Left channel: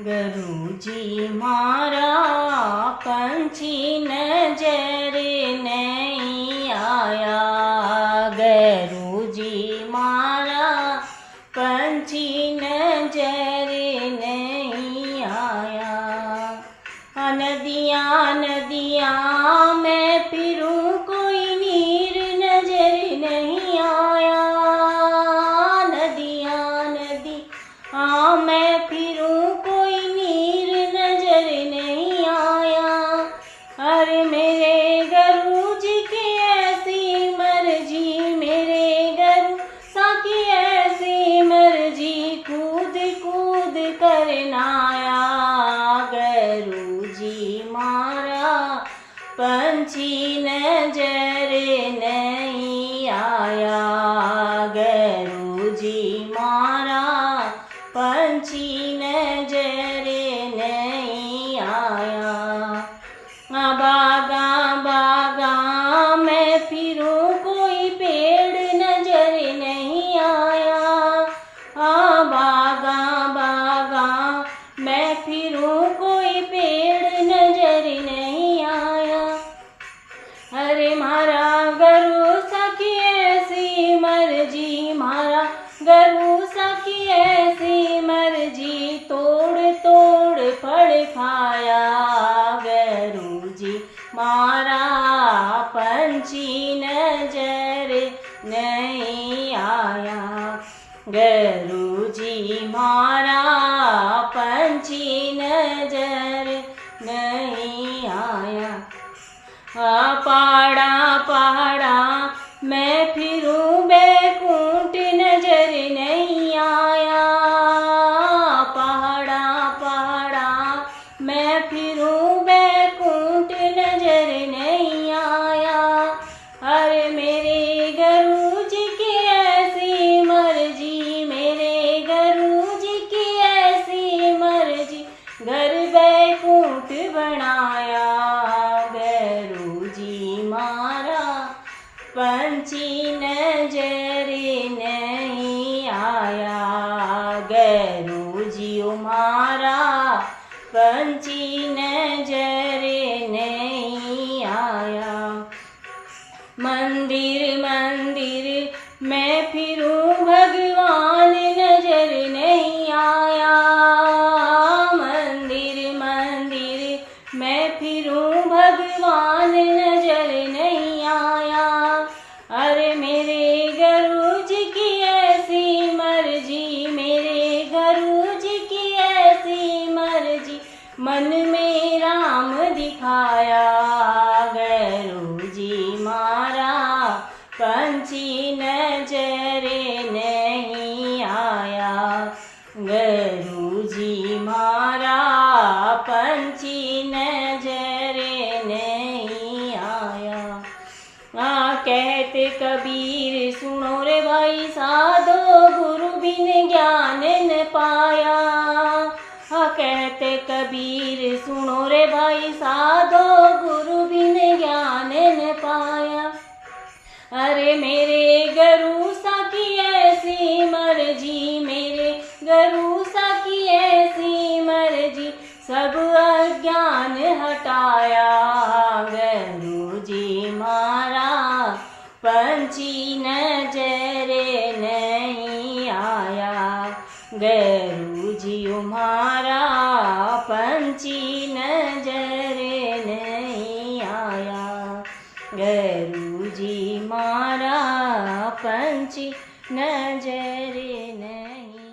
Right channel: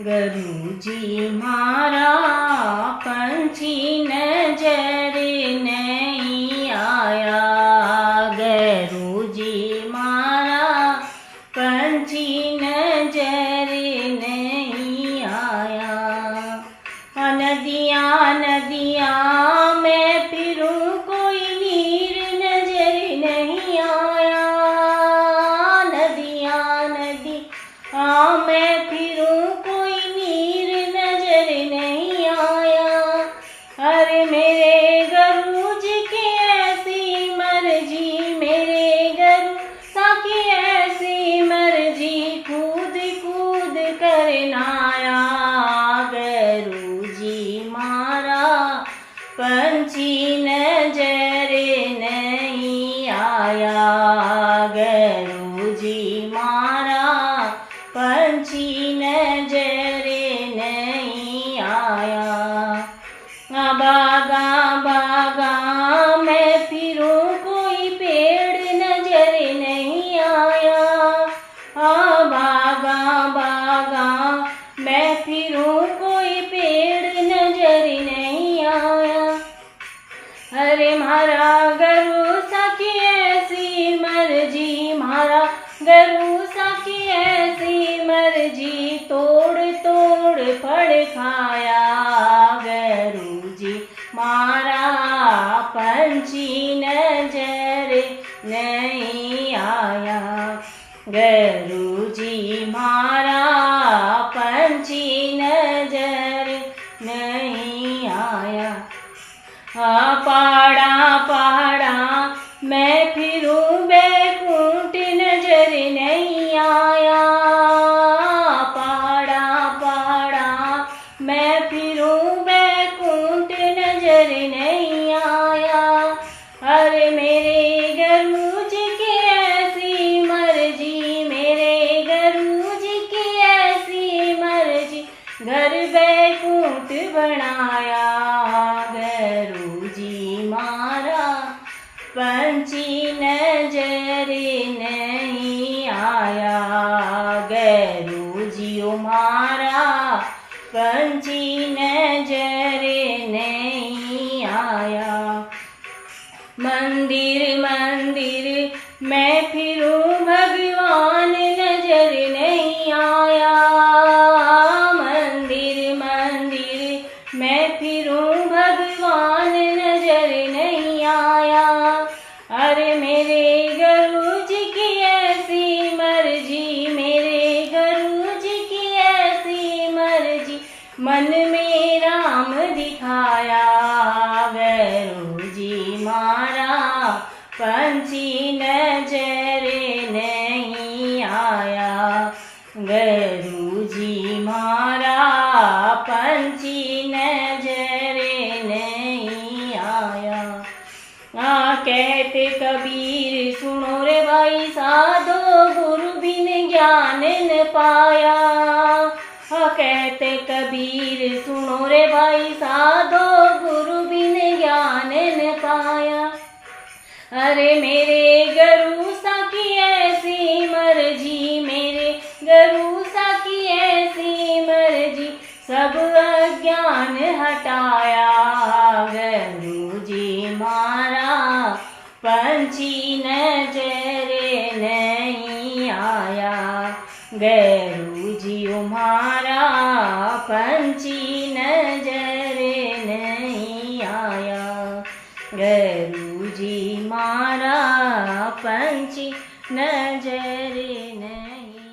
गुरुजी मारा पंछी नजर नहीं आया। गुरुजी मारा पंछी नजर नहीं आया। नदियाँ नदियाँ मैं फिरूं कोई नीर नजर नहीं आया। नदियाँ नदियाँ मैं फिरूं कोई नीर नजर नहीं आया। अरे मेरे गुरुजी की ऐसी मर्जी, मेरे गुरु सा की ऐसी मर्जी, कूद कूद कर नाया। गुरुजी मारा पंछी नजर नहीं आया। गुरुजी मारा पंछी नजर नहीं आया। बागा बागा मैं फिरूं कोई पेड़ नजर नहीं आया। बागा बागा मैं फिरूं कोई पेड़ नजर नहीं आया। अरे मारा गुरु सा की ऐसी मर्जी, मारा गुरु सा की ऐसी मर्जी, तोड़ तोड़ फल खाया। गुरुजी मारा पंछी नजर नहीं आया। गुरुजी मारा पंछी नजर नहीं आया। पाड़ा पाड़ा मैं फिरूं बैकुंठ नजर नहीं आया। पाड़ा पाड़ा मैं फिरूं बैकुंठ नजर नहीं आया। अरे मेरे गुरुजी की ऐसी मर्जी, मेरे गुरुजी की ऐसी मर्जी, घर बैकुंठ बनाया। गुरुजी मारा पंछी नजर नहीं आया। गुरुजी मारा पंछी नजर नहीं आया। मंदिर मंदिर मैं फिरूं भगवान नजर नहीं आया। मंदिर मंदिर मैं फिरूं भगवान नजर नहीं आया। अरे मेरे गुरुजी की ऐसी मर्जी, मेरे गुरुजी की ऐसी मर्जी, मन में राम दिखाया। गुरुजी मारा पंछी नजर नहीं आया। गुरुजी मारा पंछी नजर नहीं आया। कहते कबीर सुनो रे भाई साधो, गुरु बिन ज्ञान न पाया। कहते कबीर सुनो रे भाई साधो, गुरु बिन ज्ञान न पाया। अरे मेरे गुरु सा की ऐसी मर्जी, मेरे गुरु सा की ऐसी मर्जी, सब अज्ञान हटाया। गुरुजी मारा पंछी नजर नहीं आया। गुरुजी मारा पंछी नजर नहीं आया। गुरुजी मारा पंछी नजर नहीं